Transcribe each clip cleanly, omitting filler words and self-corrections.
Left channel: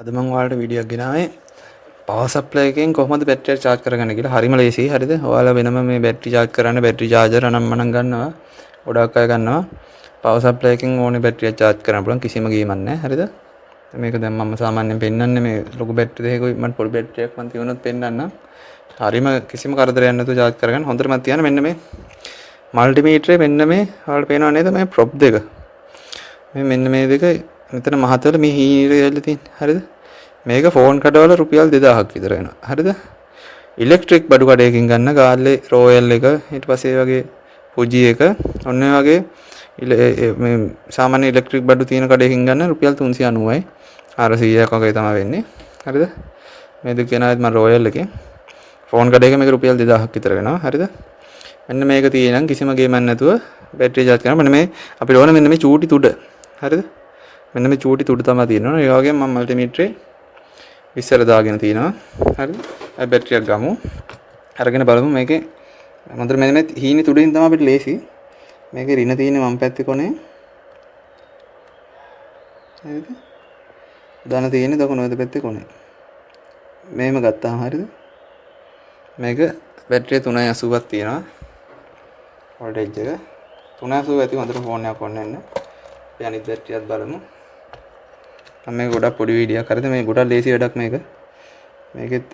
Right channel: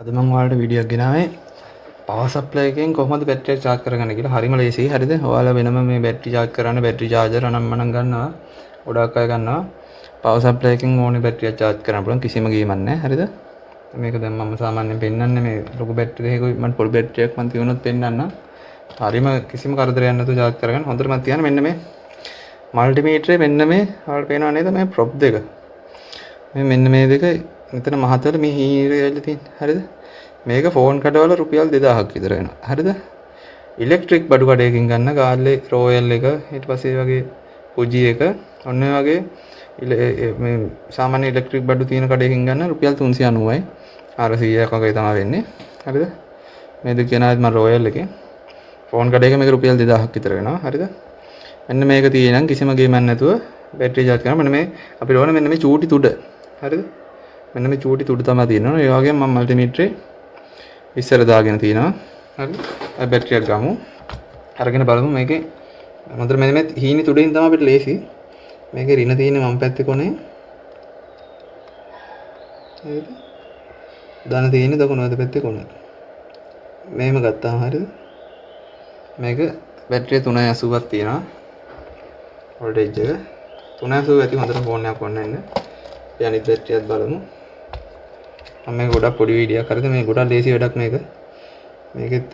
අද මම ඔයාලට වීඩියෝ එකක් ගෙනාවේ පවර් සප්ලයි එකෙන් කොහොමද බැටරිය charge කරගන්නේ කියලා. හරිම ලේසියි. හරිද? ඔයාලා වෙනම මේ බැටරි charge කරන්න බැටරි charger අනම්මනම් ගන්නවා. ගොඩක් අය ගන්නවා. පවර් සප්ලයි එකෙන් ඕනේ බැටරිය charge කරන්න පුළුවන් කිසිම ගේමක් නැහැ. හරිද? මේක දැන් මම සාමාන්‍යයෙන් පෙන්නන්නේ මේ ලොකු බැටරි දෙකකුයි මට පොඩි බැටරි එකක් මන් තියුණොත් පෙන්නන්න. හරිම කිසිම කරදරයක් නැතුව charge කරගන්න. හොඳට මම තියන්න මෙන්න මේ මල්ටිමීටරේ මෙන්න මේ ඔයාලට පේනව නේද මේ ප්‍රොප් දෙක. මෙන්න මේ දෙක මෙතන මහතල මේ හීරේ ඇවිල්ලා තියෙන්නේ. හරිද? මේක ෆෝන් කඩවල රුපියල් 2000ක් විතර වෙනවා. හරිද? ඉලෙක්ට්‍රික් බඩු කඩයකින් ගන්න ගාල්ලේ රෝයල් එක ඊට පස්සේ වගේ ෆුජි එක ඔන්න ඔය වගේ මේ සාමාන්‍ය ඉලෙක්ට්‍රික් බඩු තියෙන කඩයකින් ගන්න රුපියල් 390යි 400ක් වගේ තමයි වෙන්නේ. හරිද? මේ දෙක කියනවාත් මම රෝයල් එකේ ෆෝන් කඩයක මේක රුපියල් 2000ක් විතර වෙනවා. හරිද? මෙන්න මේක තියෙනම් කිසිම ගේමක් නැතුව බැටරි charge කරනවා. මෙන්න මේ අපිට ඕන මෙන්න මේ චූටි තුඩ. හරිද? මෙන්න මේ චූටි තුඩ තමයි තියෙනවා. ඒ වගේම මම මල්ටිමීටරේ ඉස්සර දාගෙන තිනවා. හරිද? අපි බැටරියක් ගමු. අරගෙන බලමු මේකේ මොකද මෙන්න මේ හීනි තුඩින් තමයි අපිට ලේසි. මේකේ රින තියෙන්නේ වම් පැත්තේ කොනේ. හරිද? ධන තියෙන්නේ දකුණු පැත්තේ කොනේ. මේම ගත්තාම හරිද? මේක බැටරිය 380ක් තියෙනවා. වෝල්ටේජ් එක 380 ඇති හොඳට ෆෝන් එකක් ඔන්න ඉන්න. අපි අනිත් බැටරියත් බලමු. මම මේක ගොඩක් පොඩි වීඩියෝයක් හරිද මේ ගොඩක් ලේසි වැඩක් මේක. මේකෙත්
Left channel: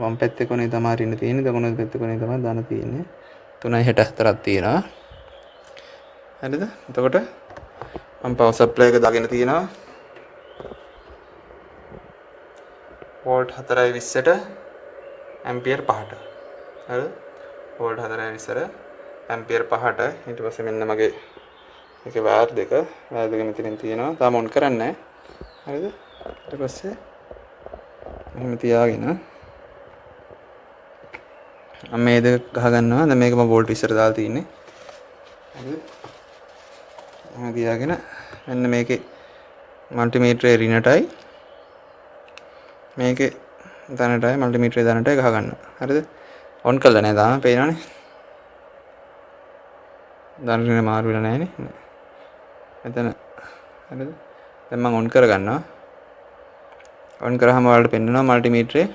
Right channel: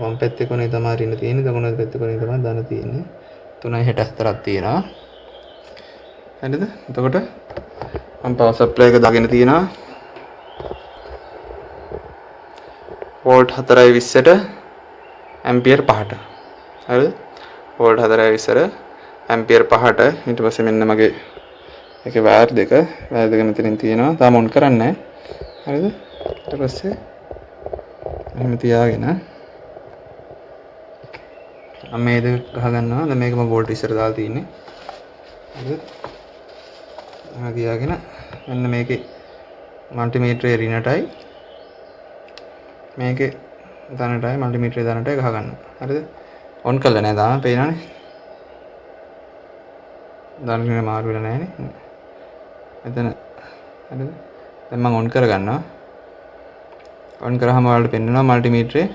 වම් පැත්තේ කොනේ තමයි රින තියෙන්නේ දකුණු පැත්තේ කොනේ තමයි ධන තියෙන්නේ 364ක් තියෙනවා. හරිද? එතකොට මම පවර් සප්ලයි එක දාගෙන තියෙනවා. වෝල්ට් 420ට ඇම්පියර් 5ට. හරිද? වෝල්ට් 420ට ඇම්පියර් 5ට ඊට පස්සේ මෙන්න මගේ ඒකේ වයර් දෙක මෙතනින් තියෙනවා. තාම ඔන් කරන්නේ නැහැ. හරිද? ඊට පස්සේ එහෙම තියාගෙන මම මේ දෙක ගහගන්නවා. දැන් මේක මම වෝල්ට් ඉස්සර දාලා තියෙන්නේ. හරිද? මම තියාගෙන මෙන්න මේකේ මල්ටිමීටරේ රිනටයි මේකේ ධනටයි මල්ටිමීටරේ ධනටයි ගහගන්නවා. හරිද? ඔන් කළා නේද? පේනවනේ. ධන මාරු වෙලා නැහැ නේ. එතන හරිද? දැන් මම ඔන් කරගන්නවා. ඔන් කරාම ඔයාලට පෙන්නනවා මල්ටිමීටරේ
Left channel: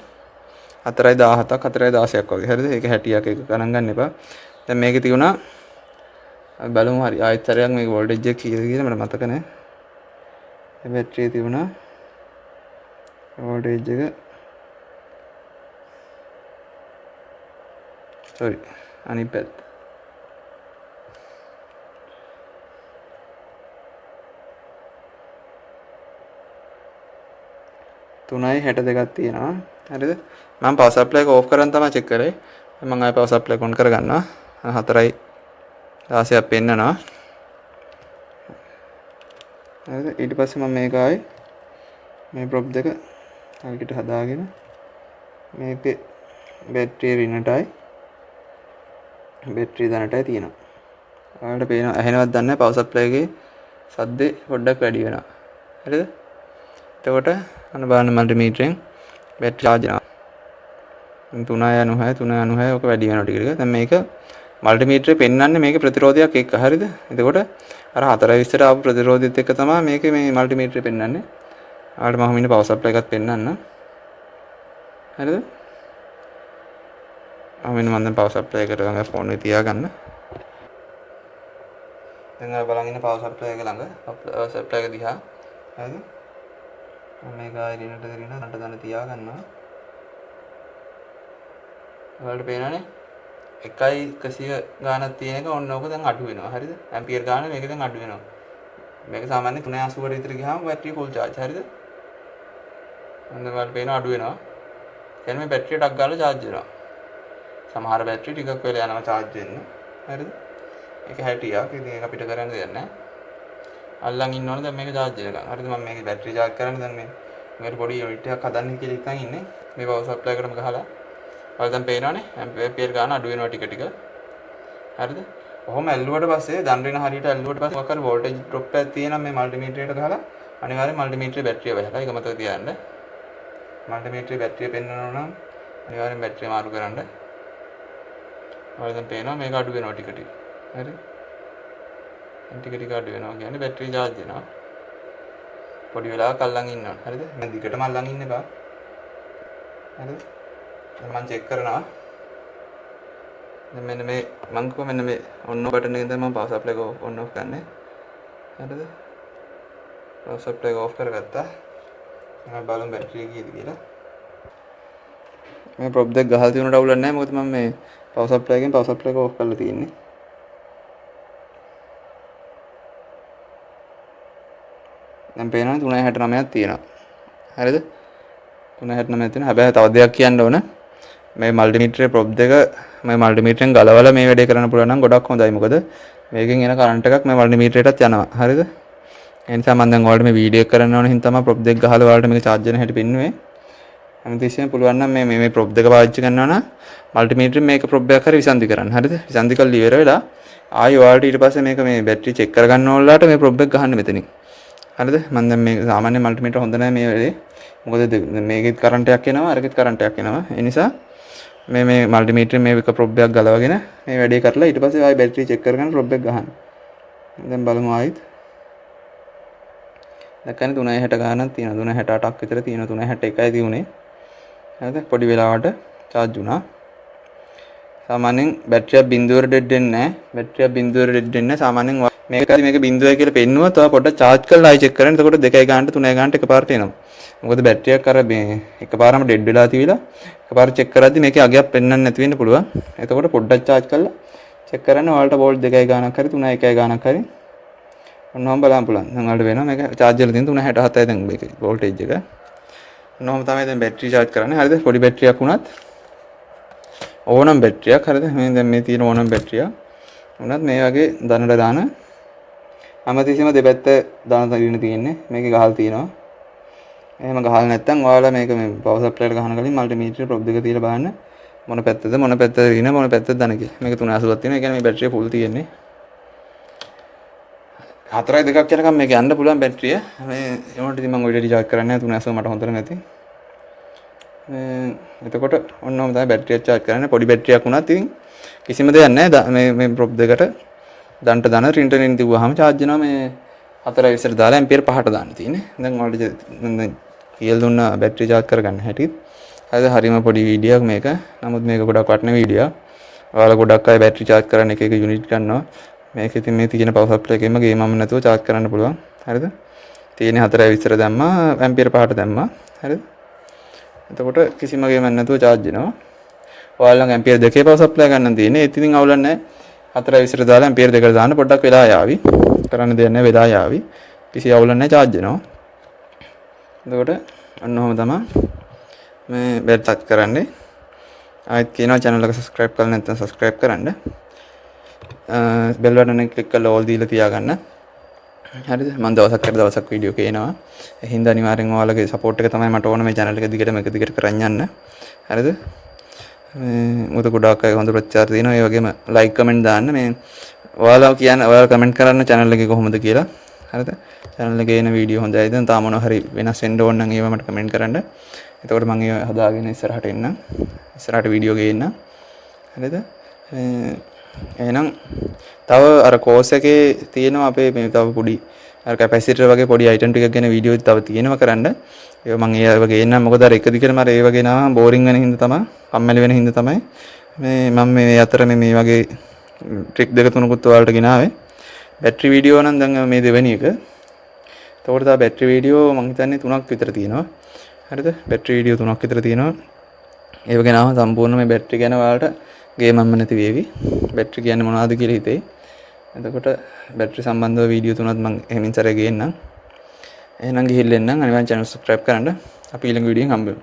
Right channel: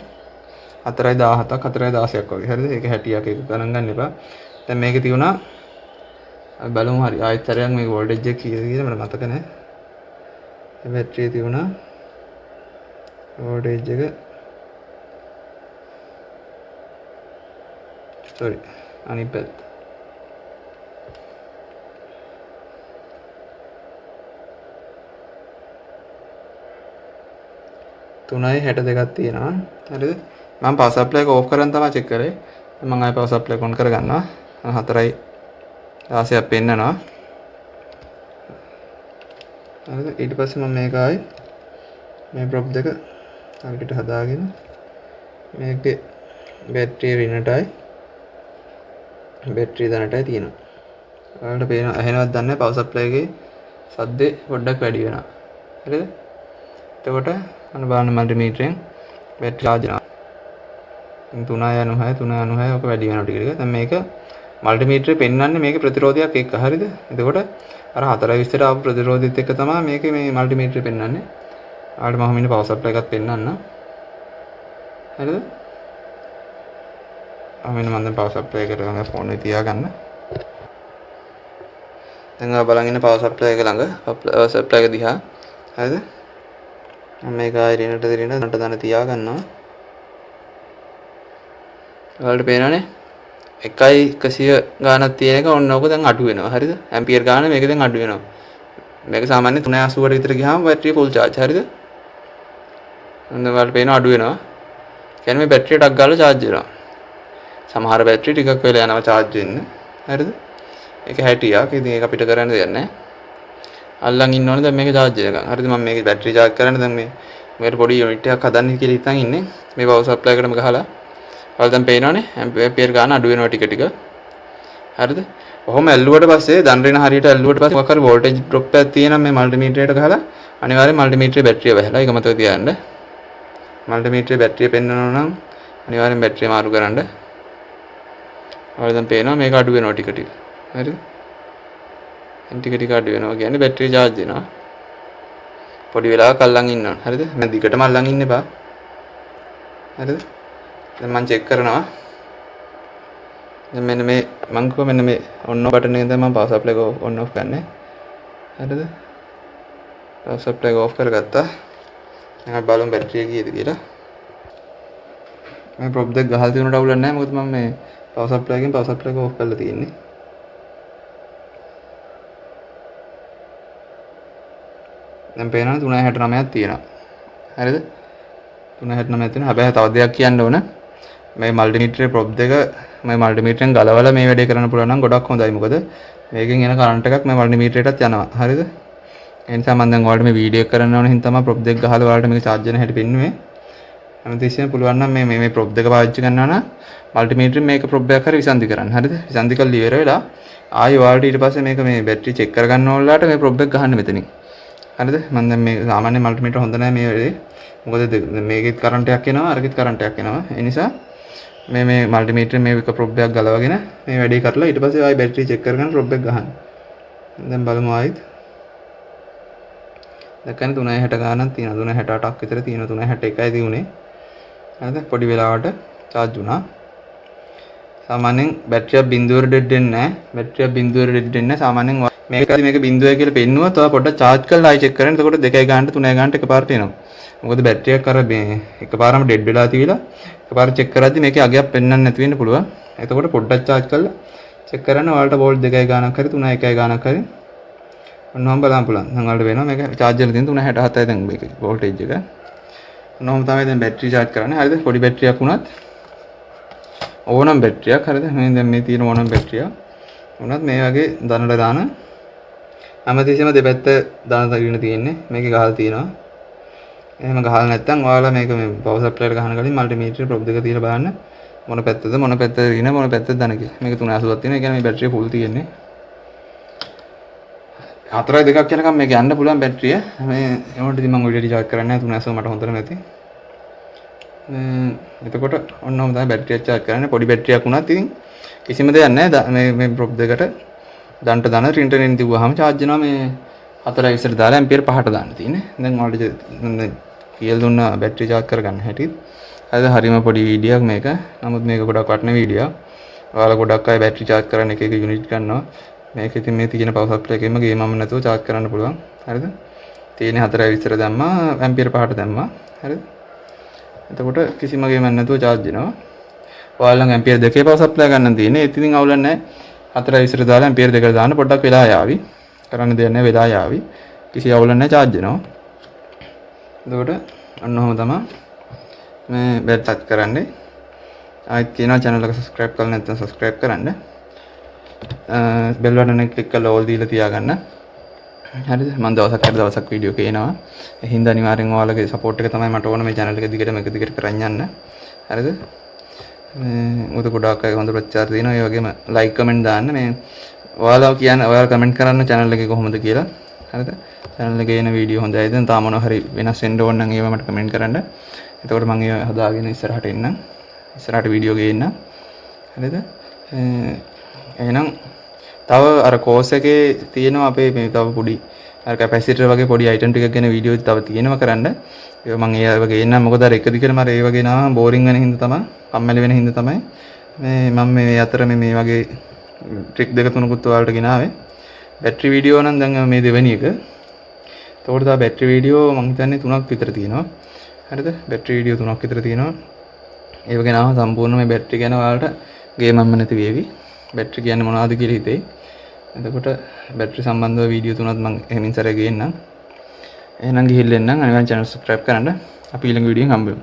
4.17ක් 4.16ක් වගේ. හරිද? ඒක 60ක් එක ගණන් ගන්න එපා. දැන් මේකේ තියුණා අපි බලමු හරි ආයෙත් සැරයක් මේක වෝල්ටේජ් එක කීයද කියලා මට මතක නැහැ. මේ බැටරියේ තියුණා වෝල්ටේජ් එක sorry අනිත් පැත්ත 3.62ක් තියෙනවා. හරිද? මම පවර් සප්ලයි එක ඕෆ් කරන් තමයි චෙක් කරේ. මම ආයෙ පවර් සප්ලයි එක ඔන් කරගන්නවා. 4.16ක් පෙන්නනවා. හරිද? ඊට පස්සේ මම මේක ආයෙ මේ ප්‍රොප් දෙක හරියට හදාගෙන මේකේ බැටරිය රිනටයි බැටරිය ධනටයි තියෙනවා. ඔයාලට පේනවා ඇහෙනවද දන්නේ නැහැ පවර් සප්ලයි එකේ සද්දේ පොඩ්ඩක් වැඩි වෙනවා. හරිද? එතකොට අන්න බලන්න මල්ටිමීටරෙන් බැටරි charge වෙනවා. 3.96 ඔක වැඩි වෙනවා ටික ටික. දැන් මේක මල්ටිමීටරේ පෙන්වන්නේ මේකේ ප්‍රතිරෝධයක් එක්ක. හරිද? එතකොට අර 4.20ට ආපු ප්‍රතිරෝධයත් එක්ක තමයි මේකේ මේ මල්ටිමීටරේ පෙන්වන්නේ. ආවට මම මෙන්න පවර් සප්ලයි එකත් පෙන්වන්න. හරිද? මෙන්න මම දැන් පවර් සප්ලයි එකට ගම ෆෝන් එක තියාගන්න. දැන් ආ බලන් ඉන්න පවර් සප්ලයි එක ළඟ පවර් සප්ලයි එක දිහා. හරිද? මම මේක ආයෙ රිනට නට දාන තියාගන්නවා. ඔයාලට පේනවනේ 1.100 ගානක් තියෙන එක ඔන්න ඕක දැන් අඩු වෙනවා. හරිද? ඇම්පියර් ගාන මේක දැන් අඩු වෙනවා. මේක සාමාන්‍යයෙන් 380ට විතර ගියාම බැටරිය ෆුල් charge. හරිද? දැන් ඔයාලට පේනවා අඩු වෙනවා. කියන්නේ මේ බැටරිය ටක් ගාලා charge වෙනවා. සමහර බැටරි ටිකක් වෙලා යනවා charge වෙන්න. හරිද? ඒක 60ක්. ඉතින් ඒක අපිට කරන්න දෙයක් නැහැ. අල්ලන් ඉන්න ඕනේ දැන් මේක charge වෙනකන්. හරිද? මම මේකේ බැටරි charge කරන්න දැන් මේකට පොඩි යුනිට් එකක් හදන්න කියලා හිතන් ඉන්නේ. මේ පවර් සප්ලයි එකටම ගහලා. ඔයාලා දැන් පේනවනේ ඇම්පියර් ගාන අඩු වෙනවා ටික ටික. හරිද? කොහොම ඇල්ලුවට පස්සේ දන් රින හරියට ඇල්ලුවට පස්සේ මොකක් හරි වෝල්ටේජ් ඩ්‍රොප් එකක් තියෙනවා මේ මල්ටිමීටරයට ගහලා අනිවාර්යෙන් මල්ටිමීටරේ බැටරිය වැහලා. ඒක මතක තියාගන්න. මල්ටිමීටරේ බැටරිය පෙන්වනවා නම් අනිවාර්යෙන් බැටරිය මාරු කරන්න. ඔයාලා දැන් පේනවා මේක අඩු වෙනවා ටික ටික. හරිද? ටික ටික අඩු වෙනවා කියන්නේ බැටරිය charge වෙනවා. පොඩි වෙලාවක් අල්ලන් ඉන්න ඕන. හරිද? මම දිගටම අල්ලන් ඉන්න එපා. හරිද? දැන් මම චෙක් කරනවා. දැන් මෙන්න මේ මම කිව්වා මෙන්න මේ ඔන් ඔෆ් බටන් එක දැන් මම පවර් සප්ලයි එක ඔන් ඔෆ් කරන්නේ. හරිද? පවර් සප්ලයි එක ඔෆ් කරගත්තා. දැන් අපි බලමු බැටරිය කීයද කියලා. මේ ප්‍රොබ් දෙක ගහලා තියෙනට අවුලක් නැහැ. මොකද මම මේ පවර් සප්ලයි එකෙන් පවර් සප්ලයි එක ඔෆ් කරලා තියෙන්නේ. දැන් පේනවනේ 369ක් තියෙනවා. හරිද? 369ක් තියෙනවා. හැබැයි තව දෙයක් කියන්න ඕන. මේ මල්ටිමීටරේ ප්‍රොබ් දෙක මේ මල්ටිමීටරෙන් ගලවලා මේ වැඩේ කරන්න පුළුවන් නම් ගොඩක් හොඳයි. මොකද මේකෙන් එන කරන්ට් එකක් මේ මල්ටිමීටරේටත් යනවා. හරිද? ඒ නිසා මම දැන් ඔයාලට මේ වීඩියෝ එක කරන්න ඕන හින්දා තමයි ප්‍රොබ් දෙක ගහලා ඔයාලට මේක charge වෙන හැටි පෙන්නුවේ. හැමතිස්සෙම පුළුවන් නම් මේ ප්‍රොබ් දෙක පාවිච්චි කරනවා නම් මල්ටිමීටරෙන් මේක ප්‍රොබ් එකක් හරි විසන්ධි කරන්න. හරිද? විසන්ධි කරලා ඉවර වෙලා ආයෙ ඔයාලට ඊට පස්සේ මේක මේ බැටරි චෙක් කරගන්න ඕනලාට මේ ප්‍රොබ් එක ගහන්න මෙතනින්. හරිද? මම දැන් මේ සාමාන්‍ය මල්ටිමීටර හොඳ නැහැ මේ වෙලේ. මොකද මේකෙත් කරන්ට් එකක් එනවා අරකෙත් කරන්ට් එකක් එනවා. ඒ නිසා මේ මල්ටිමීටරේ මේ එක ප්‍රොබ් එකක් ගලවගෙන මේ වැඩේ කරලා ඊට පස්සේ ආයෙ බැටරි චෙක් කරගෙන ප්‍රොබ් එක ගහන්න. දැන් බලමු ආයෙත්. දැන් 360 ගානක් තියෙනවා. 368ක් විතර තියෙනවා. 361යි දිනුනේ. හරිද? පොඩි වෙලාවට charge වුණා. සාමාන්‍යයෙන් බැටරිය බිඳුවර ඩෙඩ් වෙන්නේ නැහැ. බැටරිය බිඳුවර ඩෙඩ් වෙන්නේ නැහැ. සාමාන්‍යයෙන් මේක බිඳුවයි කියලා පෙන්නුවොත් ඔයා පොඩ්ඩක් charge කරලා ආයෙ check කරන්න. එතකොට 2යි ගානට 3යි ගානට එකපාරට එනවා. මොකද බැටරියක් අර මේ එකපාරම ඩෙඩ් වෙලා තියලා එකපාර check කරද්දි මේකේ අගයක් පෙන්වන්න නැති වෙන්න පුළුවන්. එතකොට පොඩ්ඩක් charge කරලා check කරන්න ඔයාලට වෝල්ට් 2යි ගානක් හරි 3යි 1යි ගානක් හරි ඔන්නෝම බලන්න පුළුවන්. දැන් ඔයාලට වෙනවා මේක charge එකේ තියෙන 367යි දැන් මේකේ voltage එක. ඔන්නෝම තමයි දැන් බැටරි charge කරන්නේ. හරිද? පොඩි බැටරියක් වුණත් ඕනම බැටරියක් හරිද? මේ දැන් මේ තියෙන ඕනම බැටරියක් වුණත් මේ වගේ දනට දාන හැමතිස්සෙම දෙපැත්ත දාන තගින්න තියෙන්නේ. මේකේ ගහලා තියෙනවා. එහෙම ගහලා නැත්නම් ඔයාලා මේක මේ පවර් සප්ලයි එකට ගහන කලින් මල්ටිමීටරේ ප්‍රොබ් දෙක තියලා බලන්න මොන පැත්තද මොන පැත්තද ඉන මොන පැත්තද දන කියලා. මේක 380ක් තියෙනවා. ඒ කියන්නේ මේ බැටරිය ෆුල් තියෙන්නේ. 4යි 2ක් යනකම් මේක යන්න පුළුවන් බැටරිය. මේ ඒකට ඉතින් මම ඔය ඩෙලි charge කරන්නේ නැහැ 380 මට හොඳට නැති. එතකොට ඔන්නෝම තමයි බැටරිය charge කරන්නේ. පොඩි බැටරියක් වුණත් ඉතින් කිසිම දෙයක් නැහැ. මේ ප්‍රොබ් දෙකට දන්ට දාන රින්ටරෙන් තිබුවාම charge වෙනවා මේ 4යි විතර දාලා ඇම්පියර් 5ට දාන්න තියෙන්නේ. දැන් ඔයාලට කියලා දුන්න බැටරි charge කරගන්න හැටි. හරිම පොඩි වීඩියෝක් මේක. නමුත් මේක ගොඩක් වටින වීඩියෝක්. ඔයාලා ගොඩක් අය බැටරි charge කරන්න එක යුනිට් ගන්නවා. මේක ඉතින් මේ තියෙන පවර් සප්ලයි එකෙන්ම ගේමම නැතුව charge කරන්න පුළුවන්. හරිද? තියෙන්නේ 4යි විතර දැම්මා ඇම්පියර් 5ට දැම්මා. හරිද? එතකොට කිසිම ගේමක් නැතුව charge වෙනවා. ඔයාලා ඇම්පියර් 2 පවර් සප්ලයි ගන්න තියෙන්නේ. ඒත් ඉතින් අවුලක් නැහැ. 4යි විතර දාලා ඇම්පියර් 2කට දාන්න පොඩ්ඩක් වෙලා යාවි. කරන්න දෙයක් නැහැ වෙලා යාවි. කිසි අවුලක් නැහැ charge වෙනවා. එතකොට අන්න ඔහොම තමයි මේ බැටරි charge කරන්නේ. ආයෙත් කියනවා channel එක subscribe කරලා නැත්නම් subscribe කරන්න. බෙල් බටන් එක ක්ලික් කරලා ඕල් දීලා තියාගන්න. හරිද? මම දවසක් වීඩියෝ කියනවා. ඒ හින්දා අනිවාර්යෙන් ඔයාලගේ support එක තමයි මට ඕන මේ channel එක දිගටම එක දිගට කරන් යන්න. හරිද? මොකද ගොඩාක් අය හොඳ ප්‍රතිචාර දෙනවා. ඒ වගේම like comment දාන්න. මේ ඔයාලා කියන්නේ ඔයාලා comment කරන්න channel එකේ කොහොමද කියලා. හරිද? channel එකේ එන වීඩියෝ හොඳයිද? තාම මොනවා හරි වෙනස් වෙන්න ඕන නම් ඒවා මට comment කරන්න. එතකොට මම ඒවා හදාගෙන ඉස්සරහට එන්නම්. ඉස්සරහට වීඩියෝ ගේන්න. හරිද? එහෙනම් තව අර course එකේ තියෙනවා අපේ මේ තව පොඩි අර කැපැසිටර් වගේ පොඩි item ටිකක් ගැන වීඩියෝ තව තියෙනවා කරන්න. ඒක මම ඒව ගේන්නම්. මොකද අර එක දිගටම අර ඒව ගේනවා බෝරින් වෙන හින්දා තමයි, කම්මැලි වෙන හින්දා තමයි මම මේ අතර මේ වගේ ට්‍රික් දෙක තුනකුත් ඔයාලට ගෙනාවේ. බැටරි වීඩියෝ නම් දැන් මේ දෙවෙනි එක. ඒතකොට තව බැටරි වීඩියෝ මම හිතන්නේ 3ක් විතර තියෙනවා. හරිද? බැටරි වීඩියෝ 3ක් විතර තියෙනවා. ඒව ගෙනාව සම්පූර්ණ මේ බැටරි ගැන ඔයාලට ගේමක්ම නැති වේවි. බැටරි කියන්නේ මොනවද කියලා හිතේ. එතකොට බැටරි සම්බන්ධව වීඩියෝ 3ක් මම එහෙමින් සැරේ ගේන්නම්. එහෙනම් ගිහිල්ලා එන්නම්. අනිවාර්යෙන් channel subscribe කරන්න. අපි ඊළඟ වීඩියෝෙන් හම්බ වෙමු.